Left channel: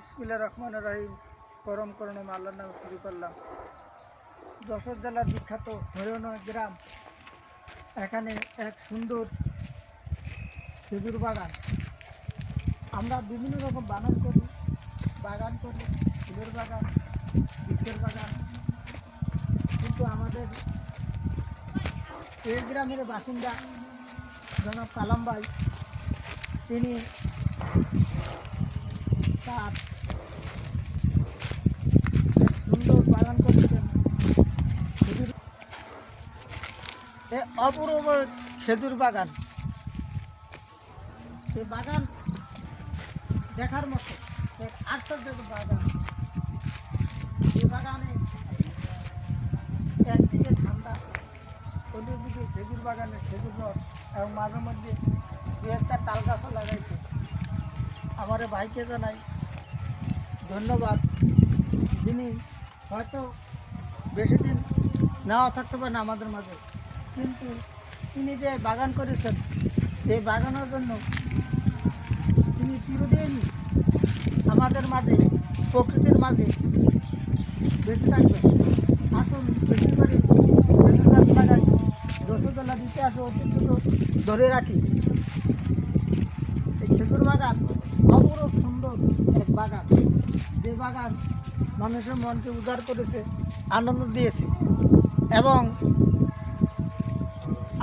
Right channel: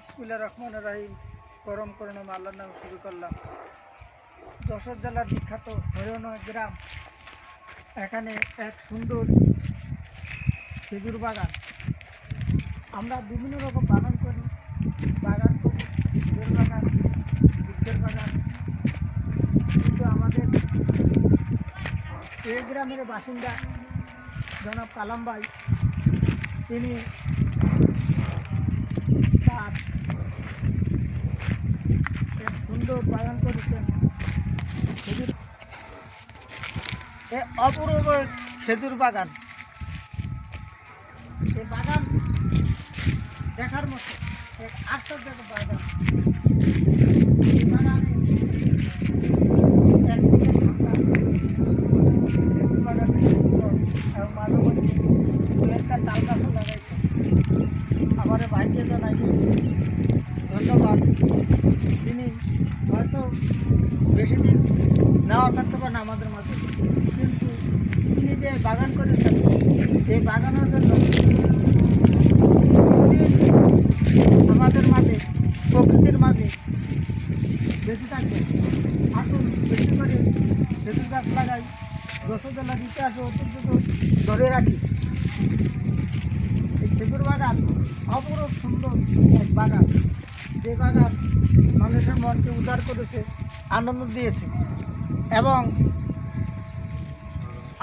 ইসমিল্লা রহমান রাহিম, পরম করুণম আল্লাহর নামে শুরু করলাম। যশোর জেলার বিখ্যাত হরিয়ন গ্রাম। এখানে এক সুন্দর খেজুর বাগান। আমরা বিভিন্ন রকম বাগান করি। বাগান করি খেজুর বাগান বৃক্ষের বাগান। কিন্তু আমাদের এই গ্রামের বাসিন্দা জনাব কালাম ভাই, তিনি তার এক সুন্দর বাগান এ অপূর্ব খেজুর বাগান। এই বাগান দেখার মতো এক আশ্চর্য বাগান। এই বাগানে একদিকে ঠান্ডা, খেজুর বাগানে এবং মাঝে মধ্যে দু একটা তাল লাগাইছে। আমার ভাইকে জানাই। ধন্যবাদ। তিনি হয়তো বেশি দিন নাও থাকতে পারেন আমাদের মাঝে। কিন্তু তিনি যে বাগান করেছেন, এই বাগানের জন্য আমাদের মাঝে, প্রকৃতির মাঝে বেশি থাকবেন। আসুন বেশি করে বেশি গাছ লাগাই যশোর জেলার ইতিহাস ও ঐতিহ্যকে ধরে রাখি। এই খেজুর বাগান অপরূপ সুন্দর এক বাগান। যে বাগান মানুষের মনকে উদার করেছে, আনন্দ দিয়েছে এবং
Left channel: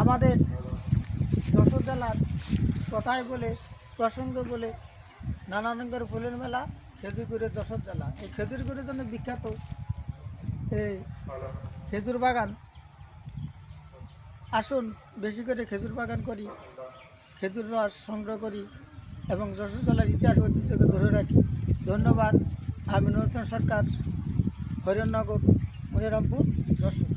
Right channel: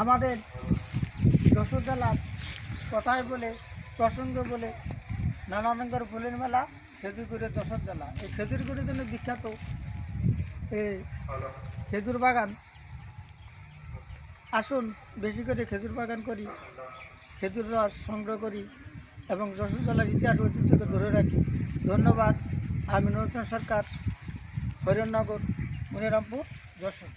আমাদের যশোর জেলার কথায় বলে, প্রসঙ্গে বলে নানা রঙের ফুলের মেলা খেজুরগুড়ের যশোর জেলা। এই খেজুরগুড়ির জন্য বিখ্যাত এই খেজুর বাগান। আসুন, বেশি করে খেজুর বাগান করি, খেজুর রস সংগ্রহ করি। এবং যশোর জেলার ইতিহাস ঐতিহ্যকে ধরে রাখি। ধন্যবাদ। আমি হোসেন সরকার হরিণনগর মনিরামপুর যশোর।